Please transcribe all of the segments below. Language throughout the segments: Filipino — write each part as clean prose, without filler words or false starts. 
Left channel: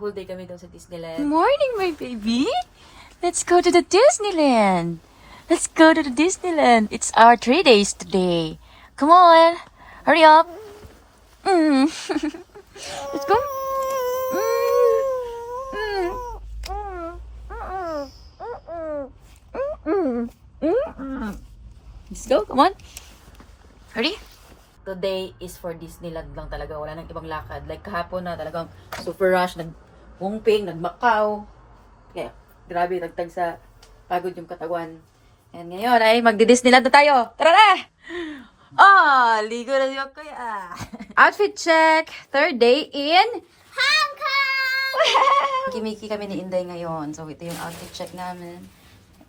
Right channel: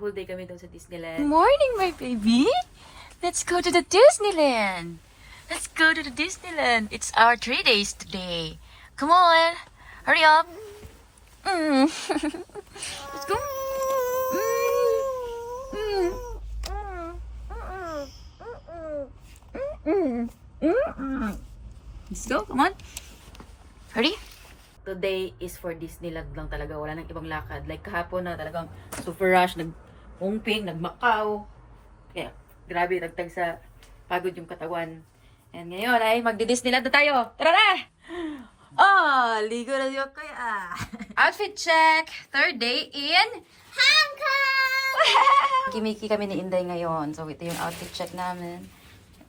whole day kami doon sa Disneyland. Good morning, my baby. Let's go to the Disneyland. Let's go to the Disneyland. It's our 3 days today. Come on. Hurry up. Let's go. Let's go. Come on. Hurry. Today is for Disneyland lang talaga. Wala nang ibang lakad. Like kahapon na talagang super rush. Nag-Hongping, nag-Macau. Kaya grabe, tagtag sa pagod yung katawan. And ngayon ay magdi-Disneyland na tayo. Tara na! Ligo na yung kuya. Outfit check. Third day in Hong Kong! Kimiki kami ni Inday ngayon. So ito yung outfit check namin.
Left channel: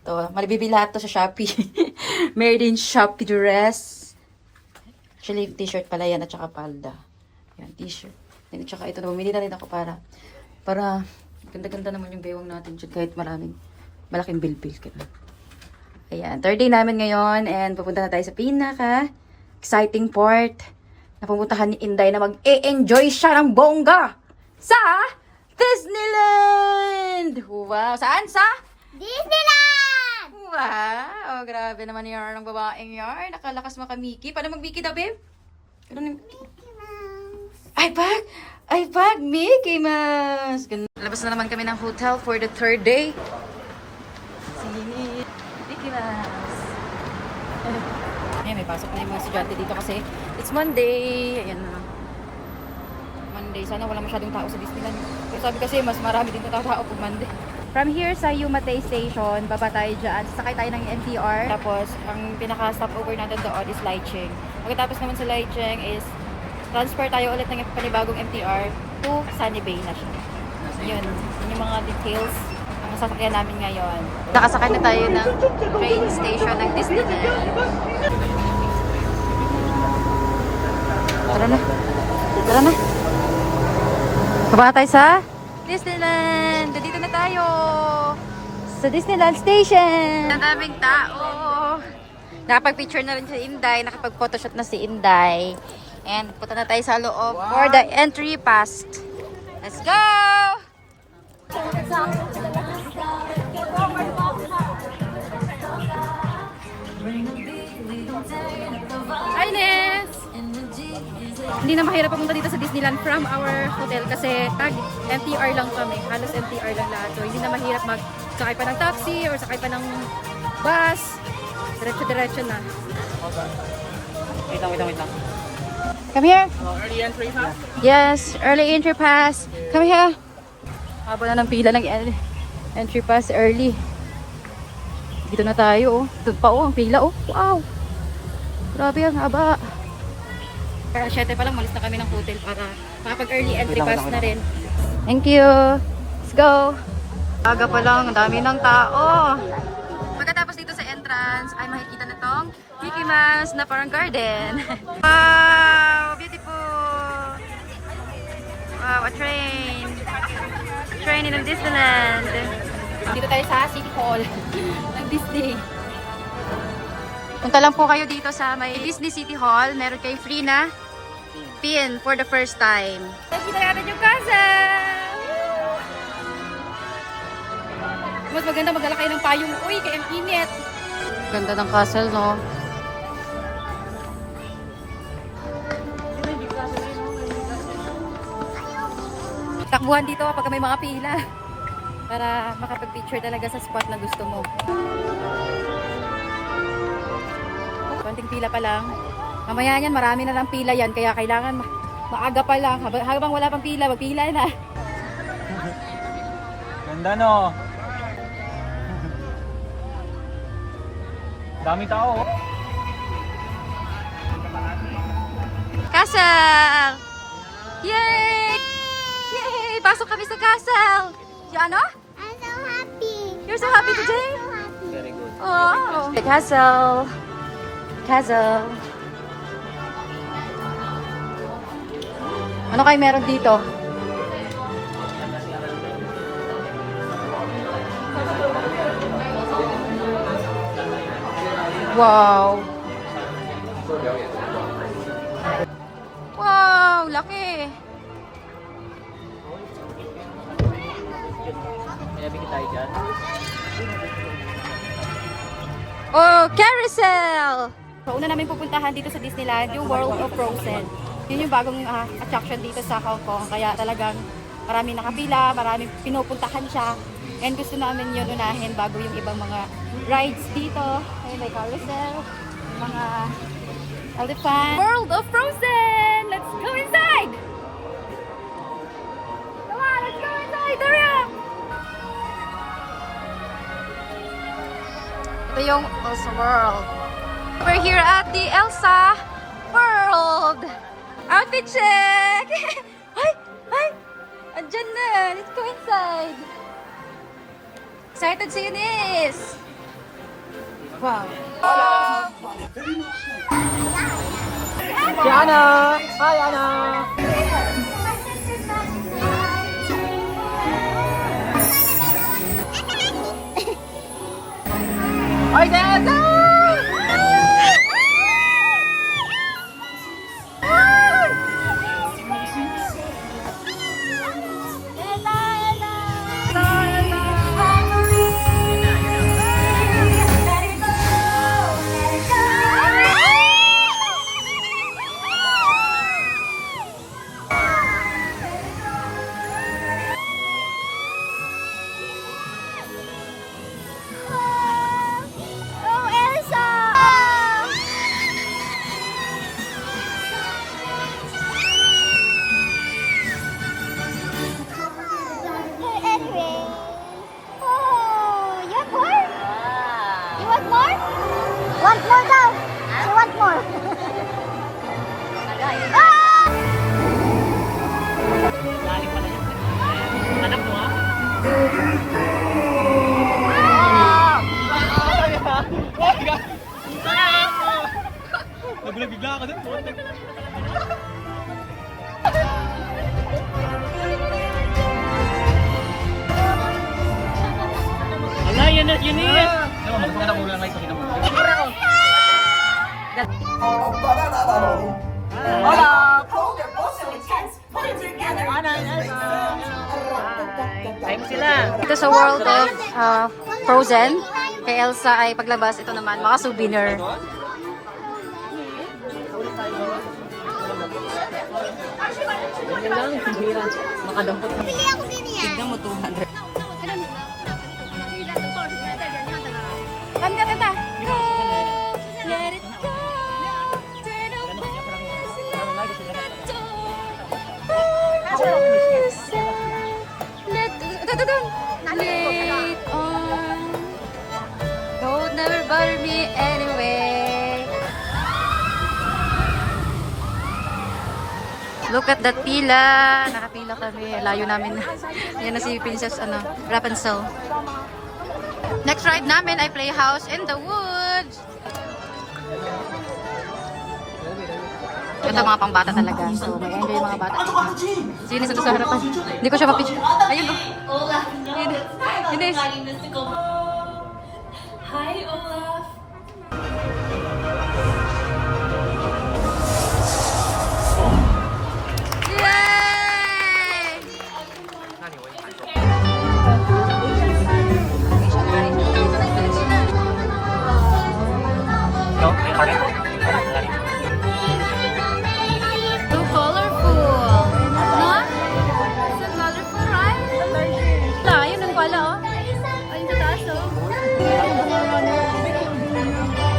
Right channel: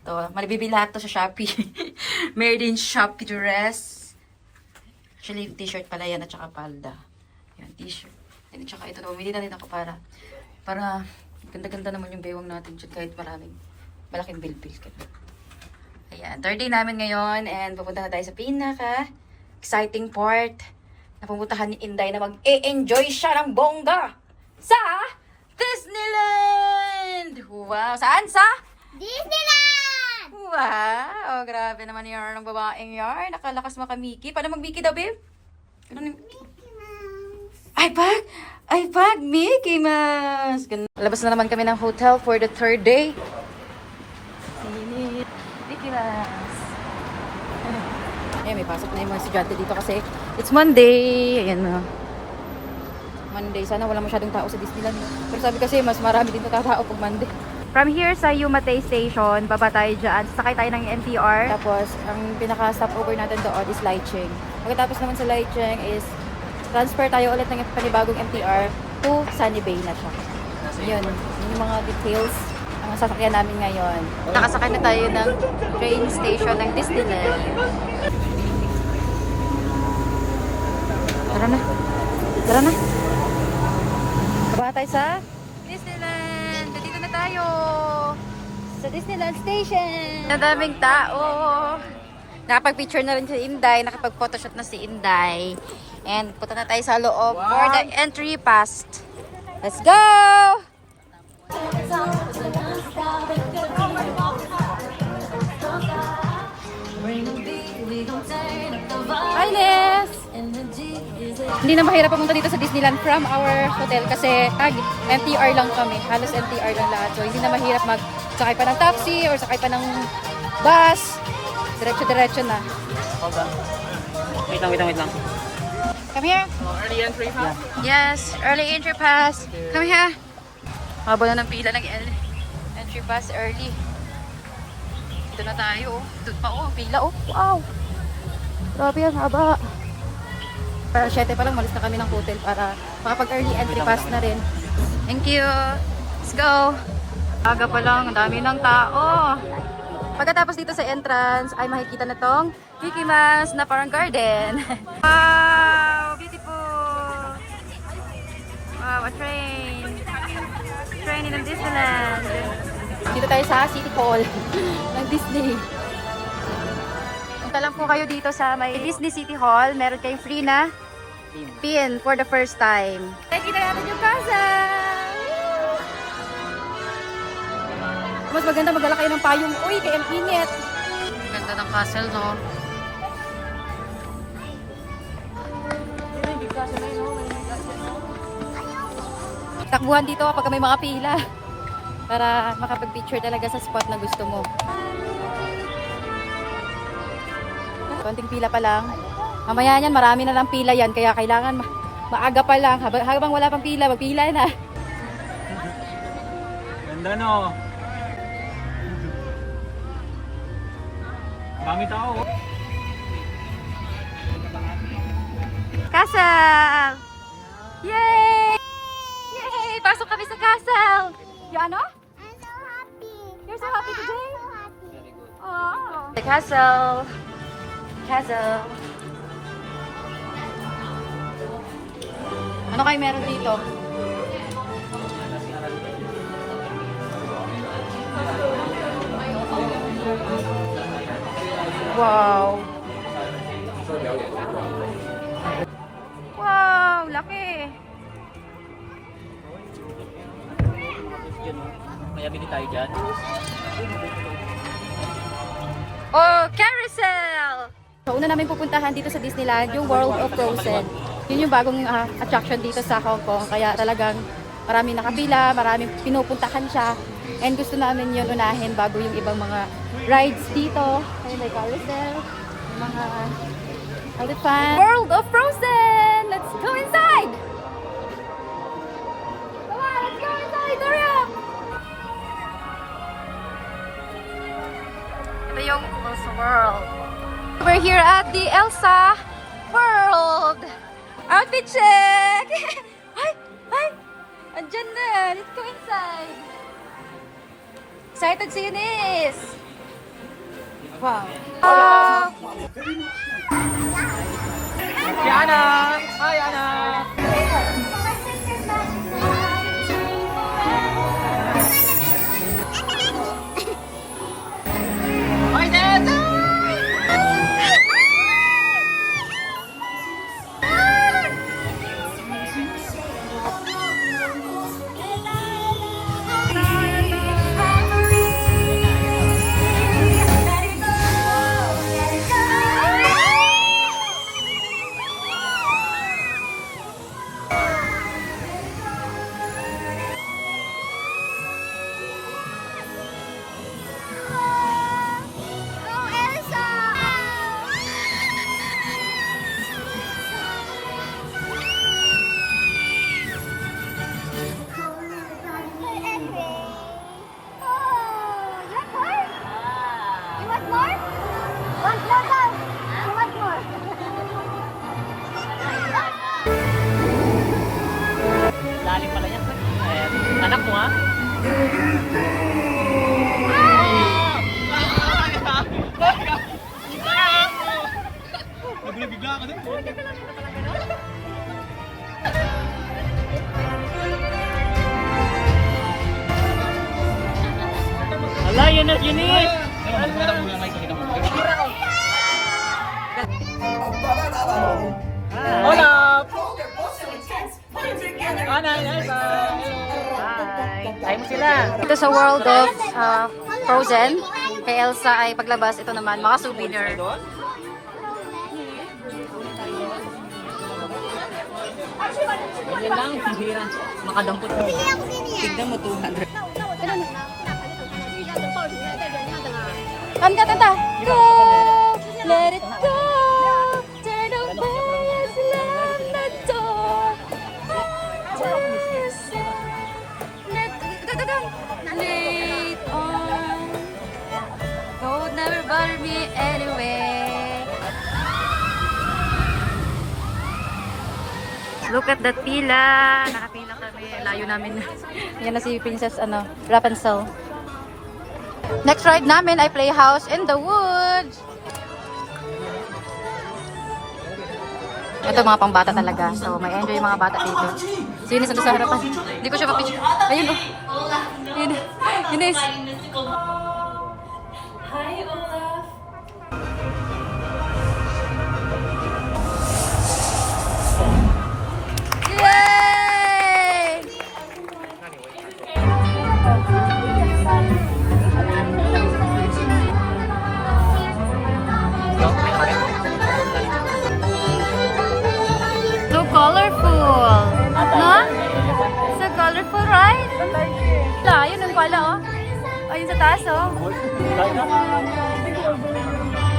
Ito, malibibili lahat to sa Shopee. Made in Shopee dress. Actually, t-shirt pala yan at saka palda. Yan, t-shirt. Yan, at saka ito na, bumili na rin ako para ganda-ganda naman yung bewang natin kahit malaking bilbil. Ayan, third day namin ngayon and pupunta na tayo sa pinaka exciting part na pumuntahan ni Inday na mag-e-enjoy siya ng bongga sa Disneyland! Wow! Saan? Sa Disneyland! Wow! Grabe naman yarn ng babaeng yarn. Nakalakas makamiki. Paano mag-Mickey daw, babe? Ano na? Mickey Mouse. iPad! iPad! Mickey Mouse! Labas na naman kami ng hotel for the third day. Mickey Mouse. May pasok na yung mga estudyante dito kasi it's Monday. Ayan na. Monday. Sana wala masyadong tao sa Disneyland. Pero sabi kasi mas marami din na tao pag Monday. From here sa Yumate Station, baba tayo dyan. Sakay tayo ng MTR. Tapos, ang pinaka-stopover natin doon is Laicheng. Pagkatapos naman sa Laicheng is transfer tayo ulit ng panibagong MTR to Sunny Bay na siya. Yun yung mga details ang sasakyan namin ngayon. Nakasakay na tayo ng train station ng Disneyland. Tara na. Tara na. Baba tayo sa Disneyland. Dito na tayo sa Disneyland Station. Ang daming tao. Nakapag-picture na rin si Inday. Nakapag-photoshoot na si Inday. And punta na tayo sa loob for the entry pass. Let's go! Hi, Ness! Hindi na mahirap pumunta dito sa Disneyland from our hotel kasi MTR lang kami. Halos MTR lang lahat. So, hindi na mahirap sakay pa ng taxi or sakay pa ng bus. Diretso-diretso na. Wait lang. Come here. Early entry pass? Yes, early entry pass. Come here. Haba na ng pila ng entry pass early. Dito na tayo, oh. Doon pa, oh. Ang pila, oh. Wow. Grabe yan, haba. Para 7 pa lang, malis na kami ng hotel para makapag-early entry pass na rin. Thank you. Let's go. Aga pa lang, ang dami ng tao. Pagkatapos dito sa entrance, ay makikita na tong Mickey Mouse na parang garden. Wow! Beautiful! Wow, a train. Train in Disneyland. Dito tayo sa City Hall ng Disney. Punta lang po kayo dito sa may Disney City Hall. Meron kayong free na pin for the first time. Nakikita natin yung castle! Woo! Mas maganda magdala kayo ng payong. Uy, kaya ang init. Ganda ng castle, no? Takbuhan dito kapag may mga pila. Para makapag-picture talaga sa spot na gusto mo. Konting pila pa lang. Mamaya yan, marami na lang pila yan. Kaya kailangan maaga pa lang. Habang wala pang pila, magpila na. Ganda no. Dami tao. Castle! Yay! Yay! Pasok kami sa castle! You ano? I'm so happy. You're so happy today? Very good. Oh! The castle! Castle! Ano kayo meron dito? Wow! Wow! Laki! Yun, kaya bigyan tayo dyan. Oh, carousel! So, una namin pupuntahan dito sa Disneyland, yung World of Frozen. Yun yung bagong attraction dito sa Hong Kong. Kaya talagang maraming nakapila, maraming pinupuntahan siya. And gusto namin yun unahin bago yung ibang mga rides dito. Ayun, may carousel, yung mga elephant. World of Frozen! Let's go inside! Come on, let's go inside! Hurry up! Ito yung Elsa World. We're here at the Elsa World. Outfit check! Ay! Ay! Andyan na! Let's go inside! Excited si Eunice! Wow! Si Ana! Hi, Ana! Hi, Dad! Oh, Elsa! Anyway. Oh, you want more? You want more? Want more daw. I want more. Ah! Lalim pala yan. Anak mo, ha? Nagulog-bigla ako din po. Wala, yun is! Magpakita mo lang, may pakita mo. Hola! Ana, Hi mo sila. Ito sa World of Frozen. Kay Elsa ay paglabas. Ito naman, mga souvenir. Yan lang, hirang makadampot mo. Bili ako din yan. Tignan mo, 200. Ang ganda daw. Let it go. Turn on the Late on. Road never bother me anyway. Look at that pila. Nakapila kami. Layo namin. Yan na si Princess Rapunzel. Next ride namin ay Playhouse in the Woods. Ito mga pangbata talaga. So, may enjoy yung mga bata dito. Sino sa harapan? Hindi ko siya mapicture. Ayun oh. Yun. Ines. Hi, Olaf. Yay! So colorful. No? So colorful, right? Ayun ang pala, oh. Ayun sa taas, oh.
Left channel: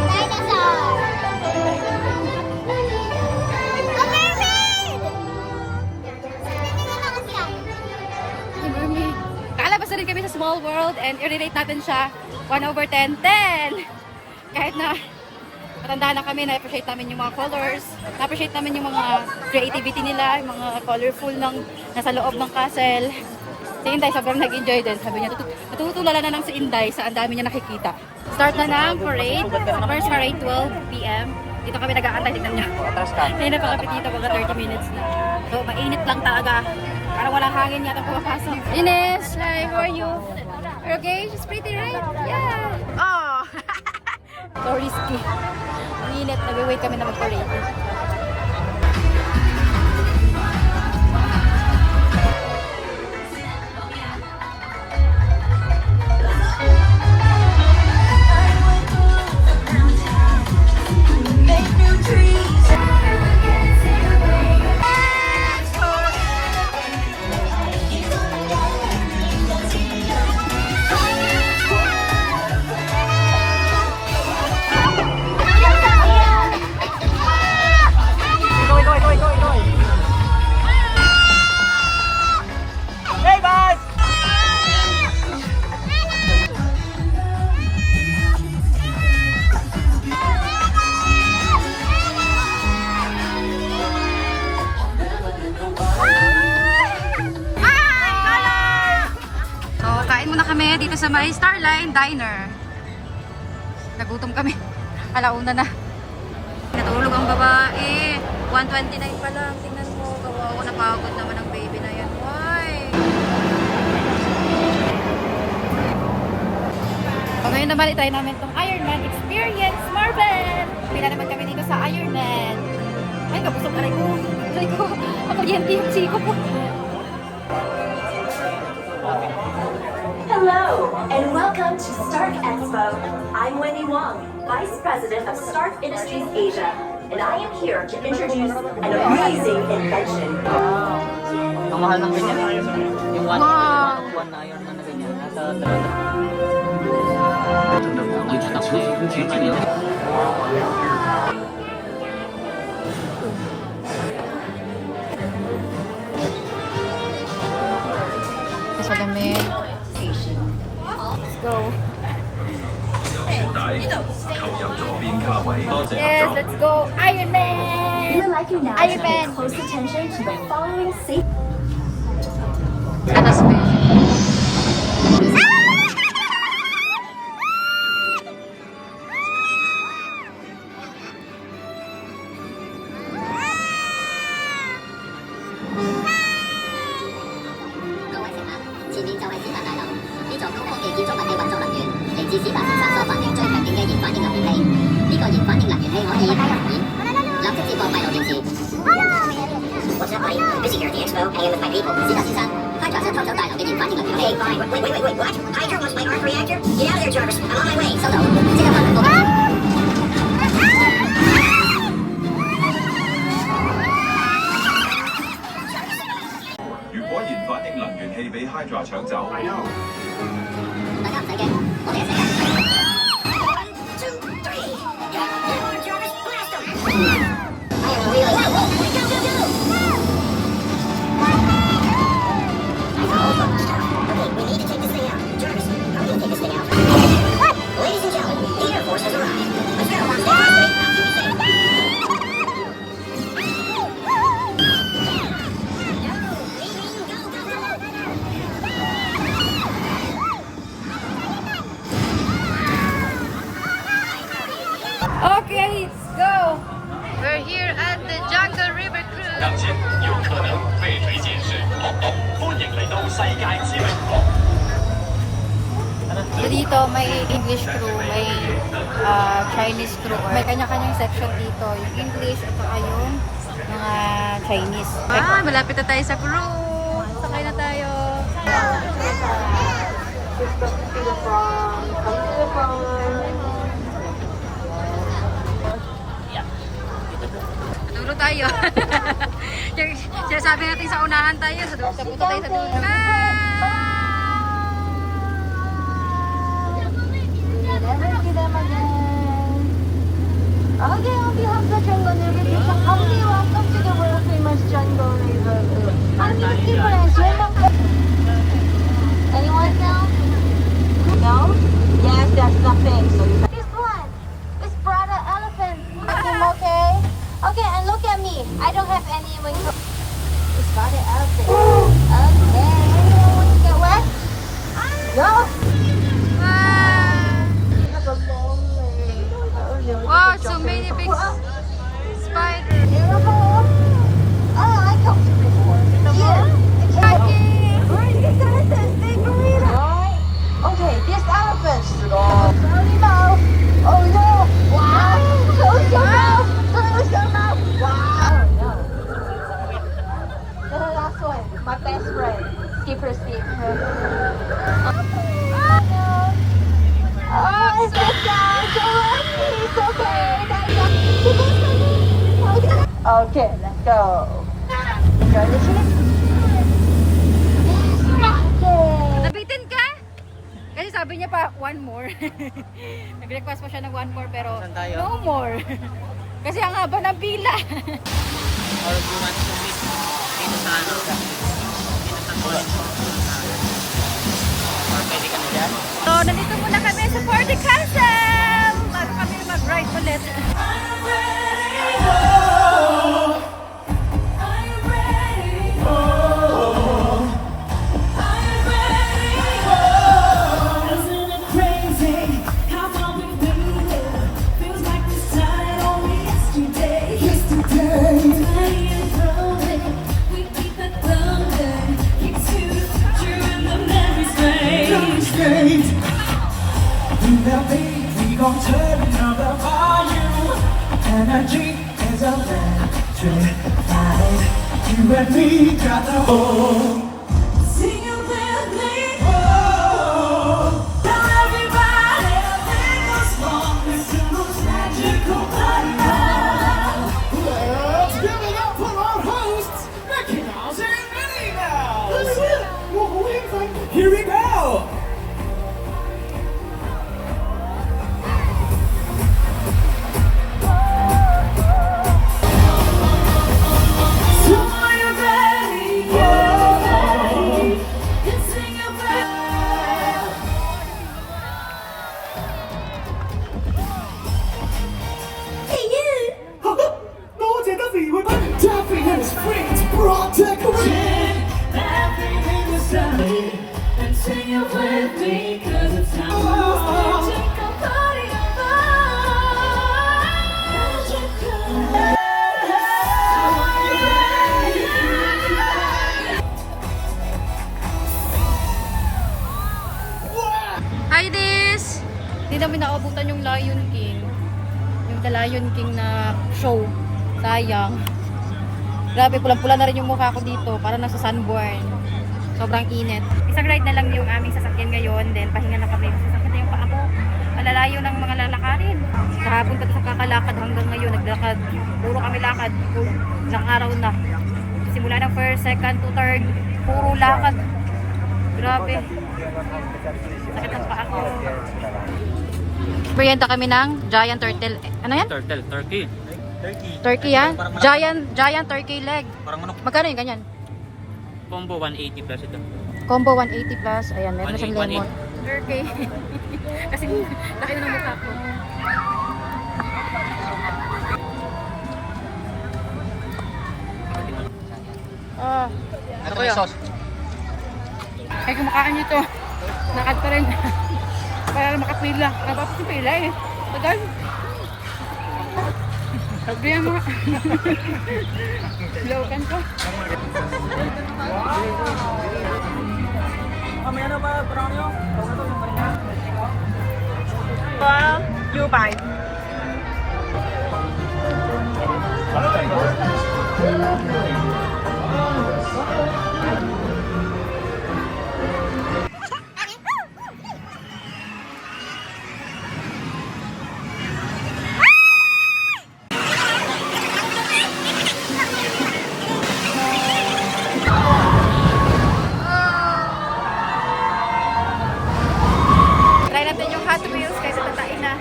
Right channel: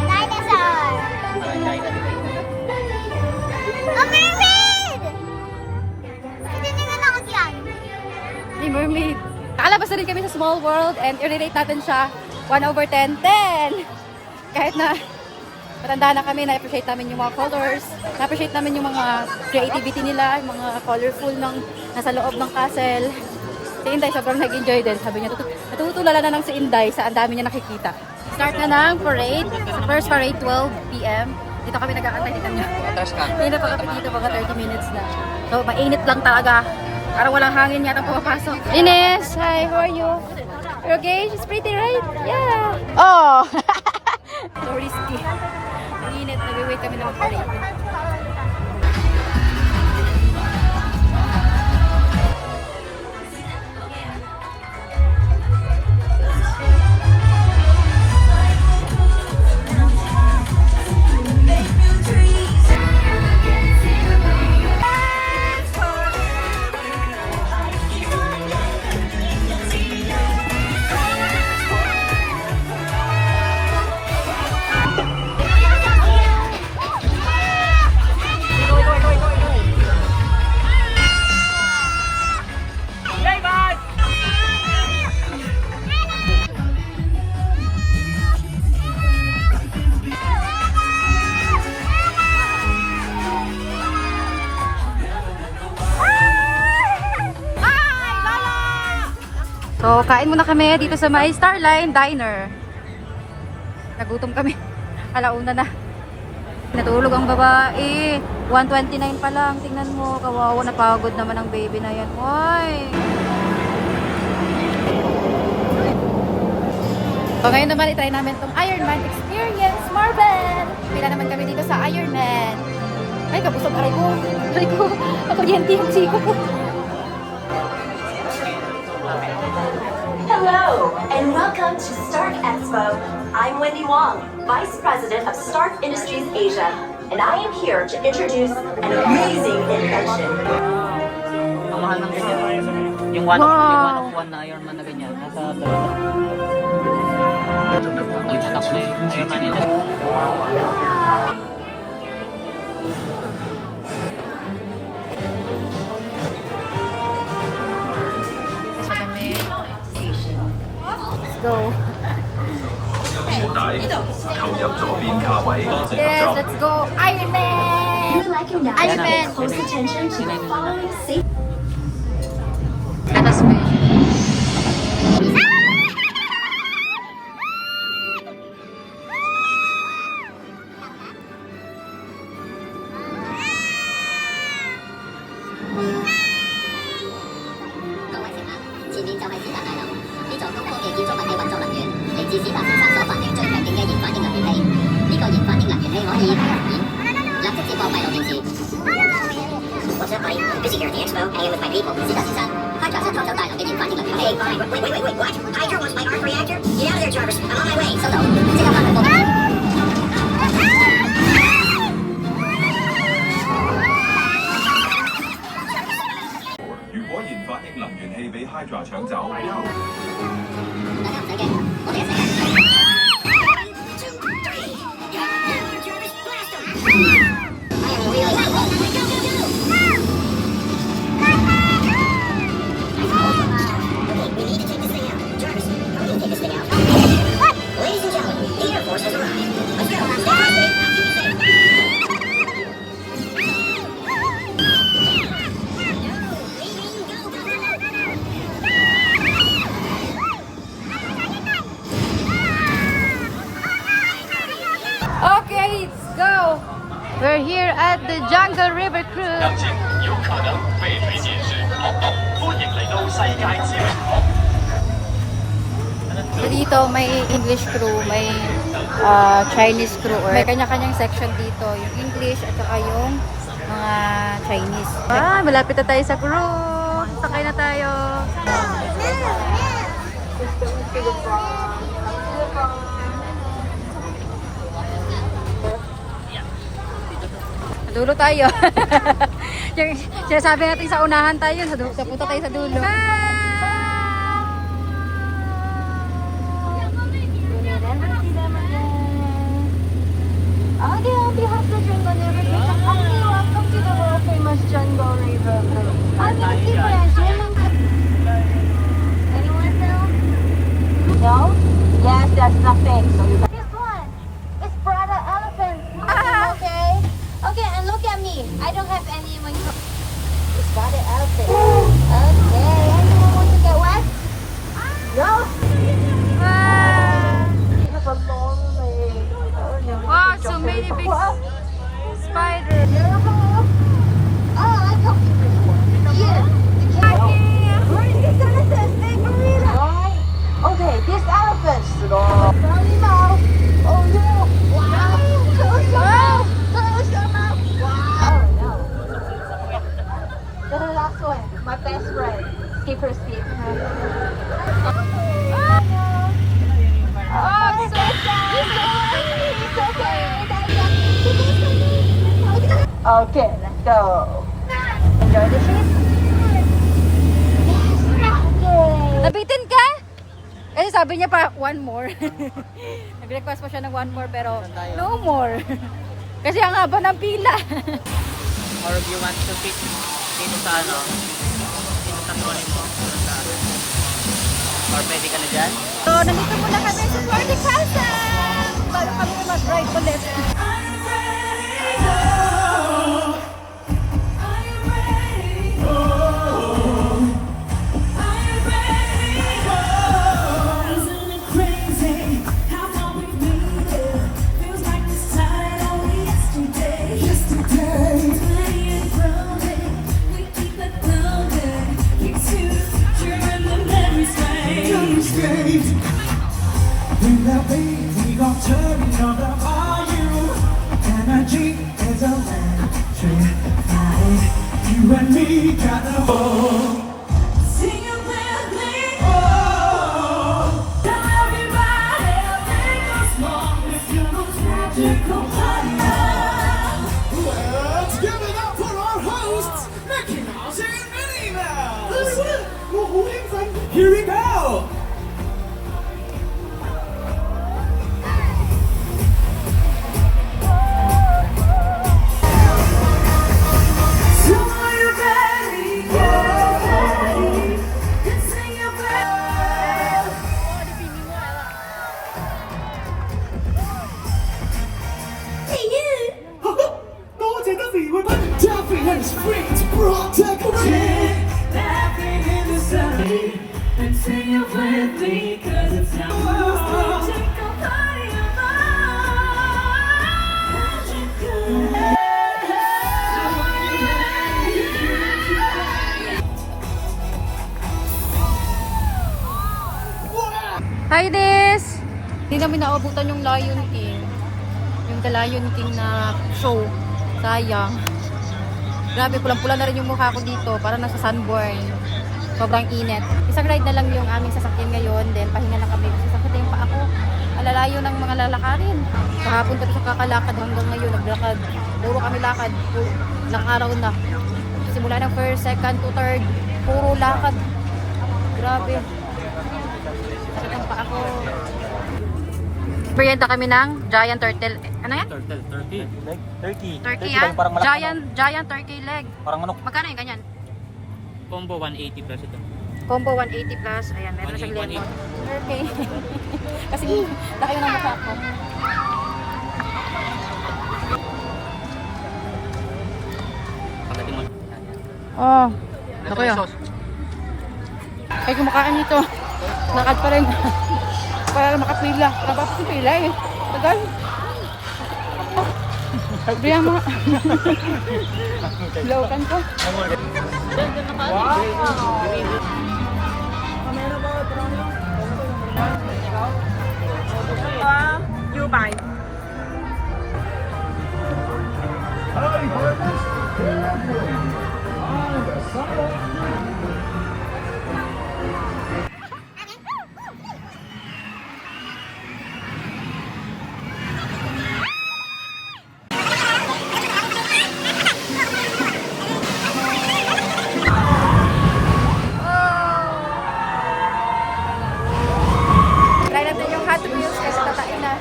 Dinosaur! A mermaid! Tingnan na lang dyan. Hey, mermaid. Kakalabas na rin kami sa Small World and i-rate natin siya 1/10. 10! Kahit na matanda na kami, na-appreciate namin yung mga colors, na-appreciate namin yung mga creativity nila, yung mga colorful ng nasa loob ng castle. Si Inday sobrang nag-enjoy din. Sabi niya, natutulala na ng si Inday sa ang dami niya nakikita. Start na ng parade. First parade, 12 p.m. Dito kami nag-aantay. Tignan niya. Hindi na pa kami dito, mga 30 minutes na. So, mainit lang talaga. Parang walang hangin yata pumapasok. Ines, hi, how are you? You're okay? She's pretty, right? Yeah. Oh! So risky. Ang init, nag-wait kami na magpa-parade. Kain muna kami dito sa may Starline Diner. Nagutom kami. Alauna na. Natulog ang babae. 1:29 pa lang. Tingnan mo. Kawawa, napagod naman ang baby na yan. Why? So ngayon naman itry namin itong Ironman Experience Marvel. Pila naman kami dito sa Ironman. Ay, kabusog aray ko. Aray ko. Ang kuryente yung siko ko. Hello, and welcome to Stark Expo. I'm Wendy Wong, Vice President of Stark Industries Asia, and I am here to introduce an amazing invention. Ang mahal ng ganyan. Yung one. Wow! One na Ironman na ganyan. Nasa dami. Let's go. Yes, let's go. Ironman! We would like you now Iron to Man. pay close attention to the following safety. Atas ba? What's up, buddy? Busy here at the expo, hanging with my people. 是的，先生。Hydra 在偷走大腦嘅研發呢個遊戲。Hey, fine. Wait, what? Hydra wants my arc reactor? Get out of there, Jarvis. I'm on my way. 收到，即刻翻嚟報警。如果研發英能源器俾 Hydra 搶走，大家唔使驚，我哋一齊嘅。One, two, three. Jarvis, blast him! I am really. Go! Okay, we need to take this thing out. Jarvis, how do you take this thing out? Ladies and gentlemen, the Air Force has arrived. Let's go. Stay fast, I'll keep you safe. Okay, let's go. We're here at the Jungle River Cruise. 入境有可能被推薦是學學，歡迎嚟到世界之榮。 So dito may English crew, may Chinese crew. May kanya-kanyang section dito. Yung English at saka yung mga Chinese. Ah, malapit na tayo sa crew. Sakay na tayo. Dulo tayo. Yung sinasabi natin sa unahan tayo. Sa dulo. Dito tayo sa dulo. Okay, on behalf of the Jungle River, we welcome to the world famous Jungle River. I'm your supervisor. Anyone know? No? Yes, there's nothing. So you this one is Prada elephant. Okay. Okay, and look at me. I don't have any wings. It's Prada elephant. Okay. Anyone want to get wet? No. Have a long leg. Wow, so many big spiders. Oh, I like them. Yeah. Where is this elephant? Big gorilla. Okay, this elephant. Oh no. Wow. Oh no. Let's go now. Wow. The last one. My best friend. Skipper Steve. Okay, let's go. Nabitin ka? Kasi sabi niya pa, one more. Nag-request pa siya ng one more pero no more. Kasi ang haba ng pila. Sa ano? Sa trolling mo. Pwede ka na dyan. So, nandito muna kami sa Party Castle! Bago kami mag-ride ulit. Here we go! Hi, Des! Hindi namin naabutan yung Lion King. Yung The Lion King na show. Sayang. Grabe, pulang-pula na rin yung mukha ko dito. Para nasa sunburn. Sobrang init. Isang ride na lang yung aming sasakyan ngayon. Then, pahinga na kami. Kasi sakit na yung paa ko. Malalayo ng mga lalakarin. Kahapon pa sa kakalakad hanggang ngayon. Naglakad. Puro kami lakad. Ilang araw na. Simula ng first, second to third. Puro lakad. Grabe. Sakit ng paa ko. Merienda kami ng giant turtle. Ano yan? Turtle, turkey. Turkey yan? Giant turkey leg. Parang manok. Magkano yung ganyan? Combo 180 plus ito. Combo 180 plus. Ayan, meron na siyang 180. lemon. Okay. Kasi laki ng mukha ko. Oh. Ano ba yung sauce? Kaya kumakain nito. Lakad pa rin. Para makapila. Napapos yung pila eh. Tagal. Sabihan mo. Laukan ko. You buy. Try natin yung Hot Wheels kaysa tatain na.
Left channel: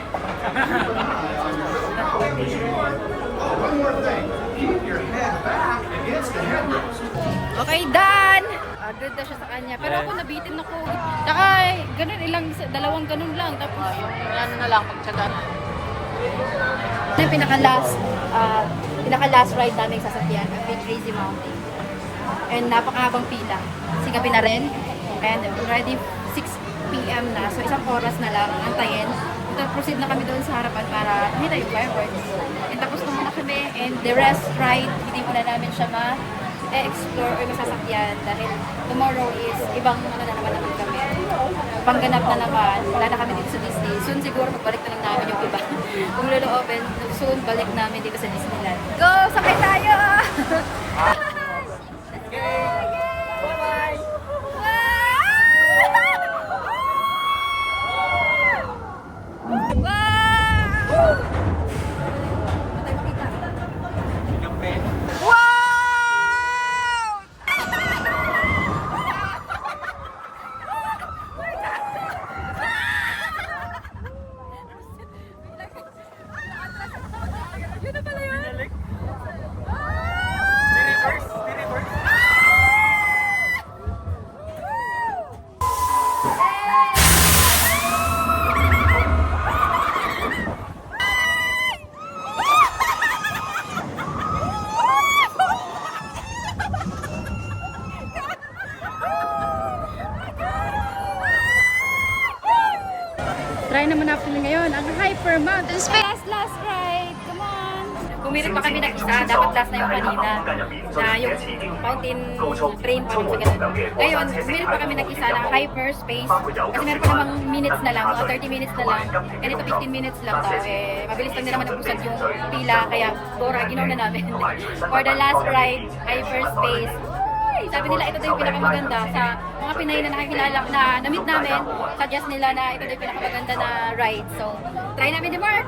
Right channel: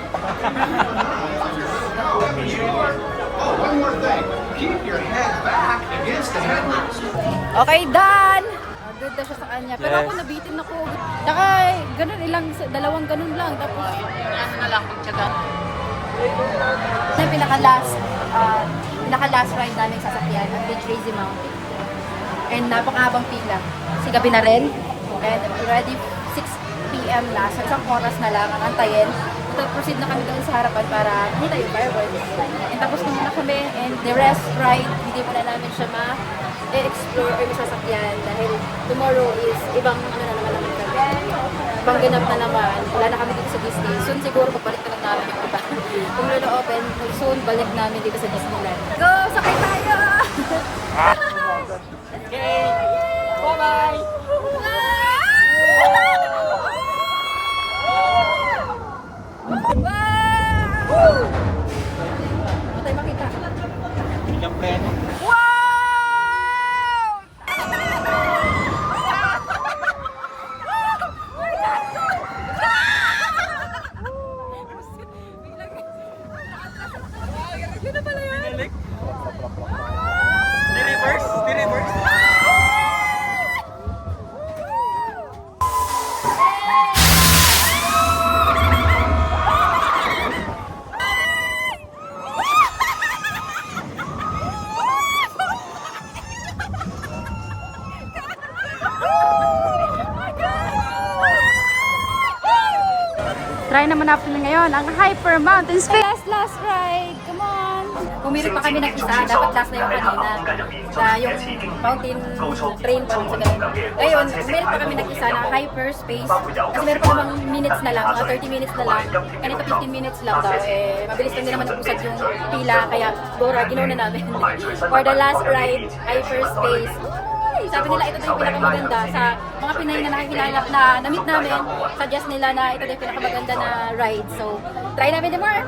One more thing. Keep your head back against the headrest. Okay, done! Good na siya sa kanya. Pero ako nabitin ako. Saka ganun, dalawang ganun lang. Tapos, ano na lang, pagtsaga. Ito yung pinaka-last ride namin sa sasakyan at Big Crazy Mountain. And napakahabang pila. Kasi gabi na rin. And already 6 PM na. So isang oras na lang antayin. So proceed na kami doon sa harapan para makita yung fireworks. And tapos naman na kami. And the rest ride, hindi mo na namin siya ma-explore or masasakyan. Dahil tomorrow is ibang ano na naman kami. Ibang ganap na naman. Wala na kami dito sa Disney. Soon siguro pagbalik na lang namin yung iba. Kung lalo open, soon balik namin dito sa Disneyland. Go! Sakay tayo! Bye-bye! Wow! Matay makita. Wow! Yun na pala yun? Try naman natin ngayon ang Hyper Mountain Space. Last ride. Come on. pumilit pa kami ng isa, dapat last na yung kanina. Na yung fountain train pa sa ganun. Ngayon, pumilit pa kami ng isa na hyperspace. Kasi meron pa namang minutes na lang, mga 30 minutes na lang. And ito 15 minutes lang daw. Eh, mabilis lang din naman napusad yung pila. Kaya, Dora, ginaw na namin. For the last ride, hyperspace. Ay, sabi nila ito daw yung pinakamaganda sa mga Pinay na nakikilala na na-meet namin. Suggest nila na ito daw yung pinakamaganda na ride. So, try namin ni Mark.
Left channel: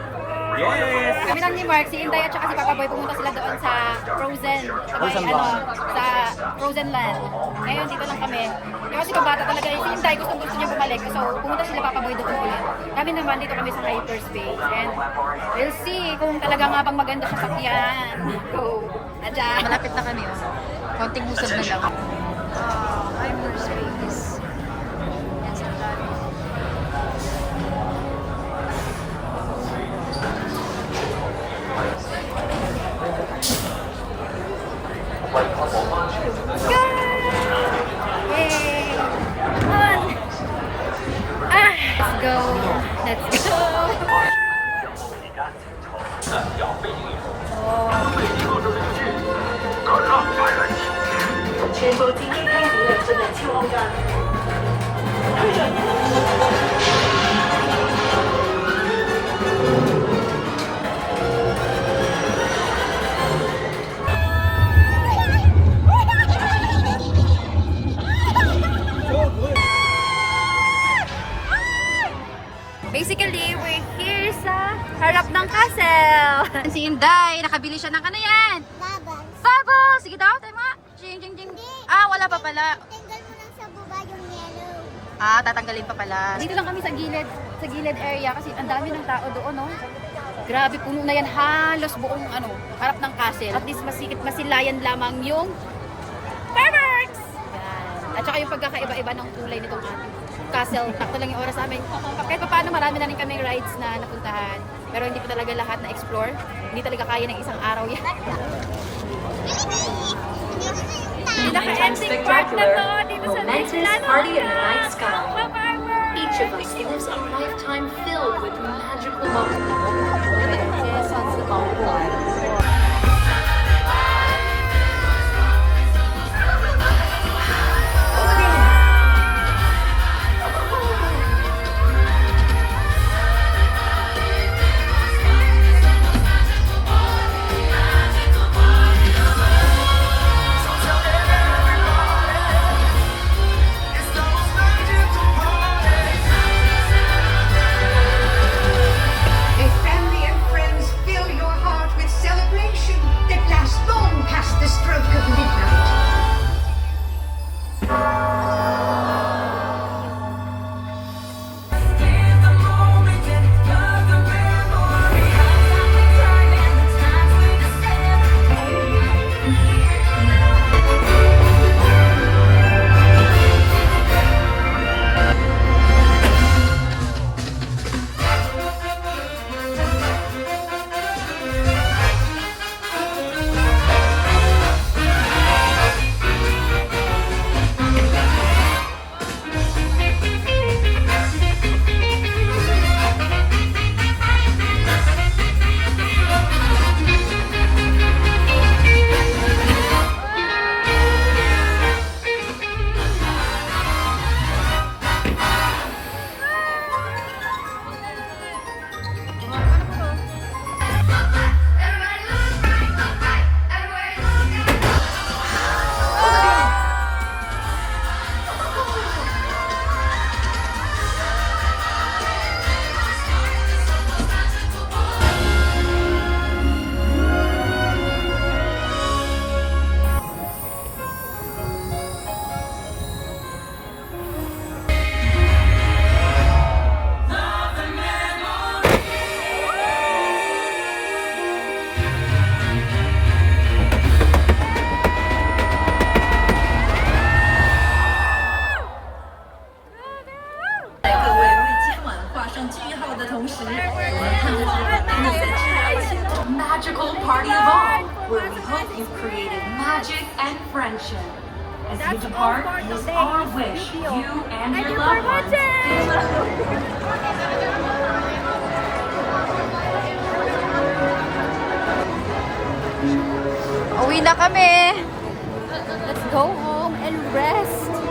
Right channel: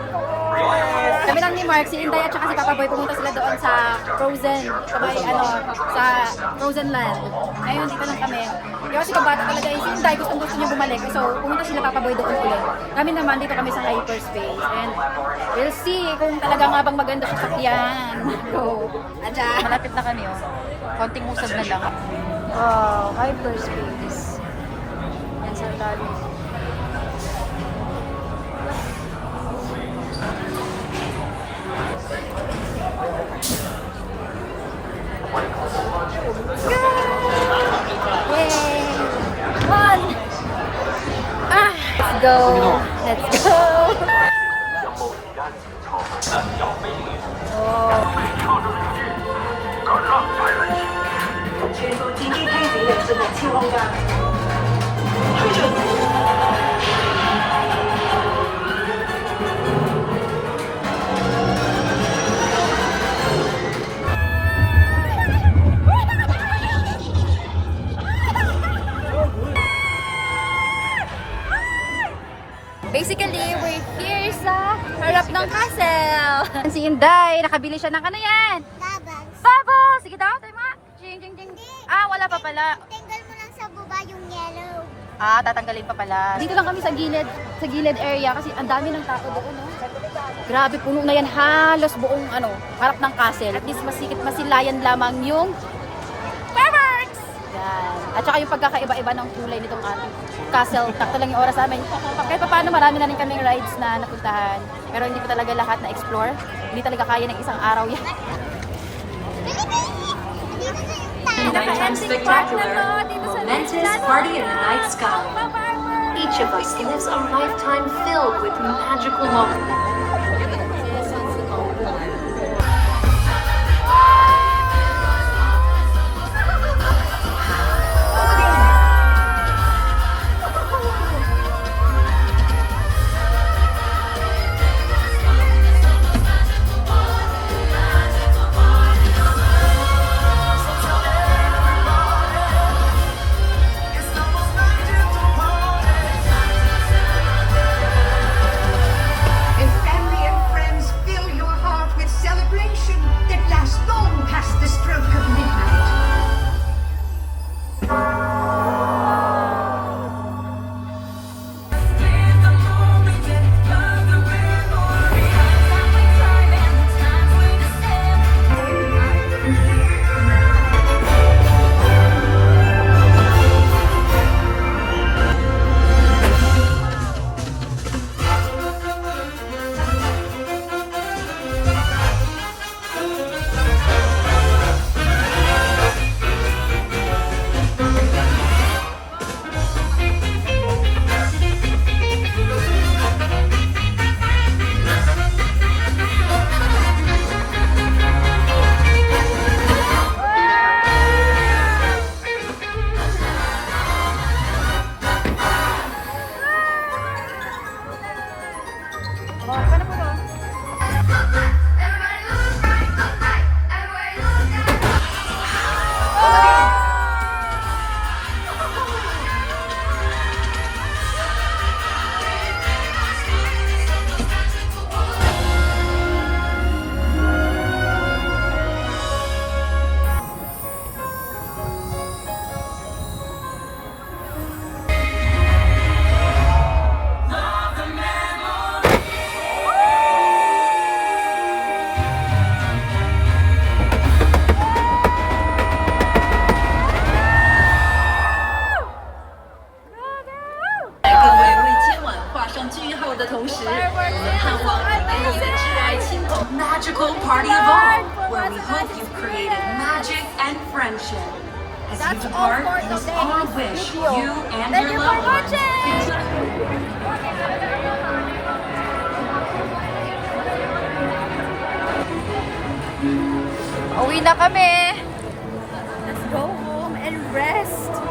Yes! Kami lang ni Mark, si Inday at saka si Papa Boy pumunta sila doon sa Frozen, sa Frozen Land. Ngayon dito lang kami. Kaya kasi kabata talaga si Inday gusto niya bumalik. So pumunta sila Papa Boy doon ulit. Kami naman dito kami sa hyperspace and we'll see kung talaga nga bang maganda siya sakyan. So, Malapit na kami, oh. Konting usad na lang. Wow, hyperspace. Yan sa tabi. yay! One! Let's go! Let's go! Basically, we're here sa harap ng castle. Si Inday, nakabili siya ng ano yan? Bubbles. Bubbles! Sige daw, tayo mga. Jing, jing, jing. Ah, wala pa pala. Tinggal mo lang sa baba yung yellow. Ah, tatanggalin pa pala. Dito lang kami sa gilid area kasi ang dami ng tao doon, no? Grabe, puno na yan halos buong harap ng castle. At least masilayan lamang yung fireworks! Yan. At saka yung pagkakaiba-iba ng kulay nitong castle. Sakto lang yung oras namin. Kahit pa paano, marami na rin kaming rides na napuntahan. Pero hindi pa talaga lahat na explore. Hindi talaga kaya ng isang araw yan. Pinaka-ending part na to dito sa Disneyland. Party in the night sky. Each of us lives a lifetime filled with magical moments. If family and friends fill your heart with celebration that lasts long past the stroke of midnight. Magical party of all, where we hope you've created magic and friendship. As you depart, it is our wish you and your loved ones Uwi na kami. Let's go home and rest.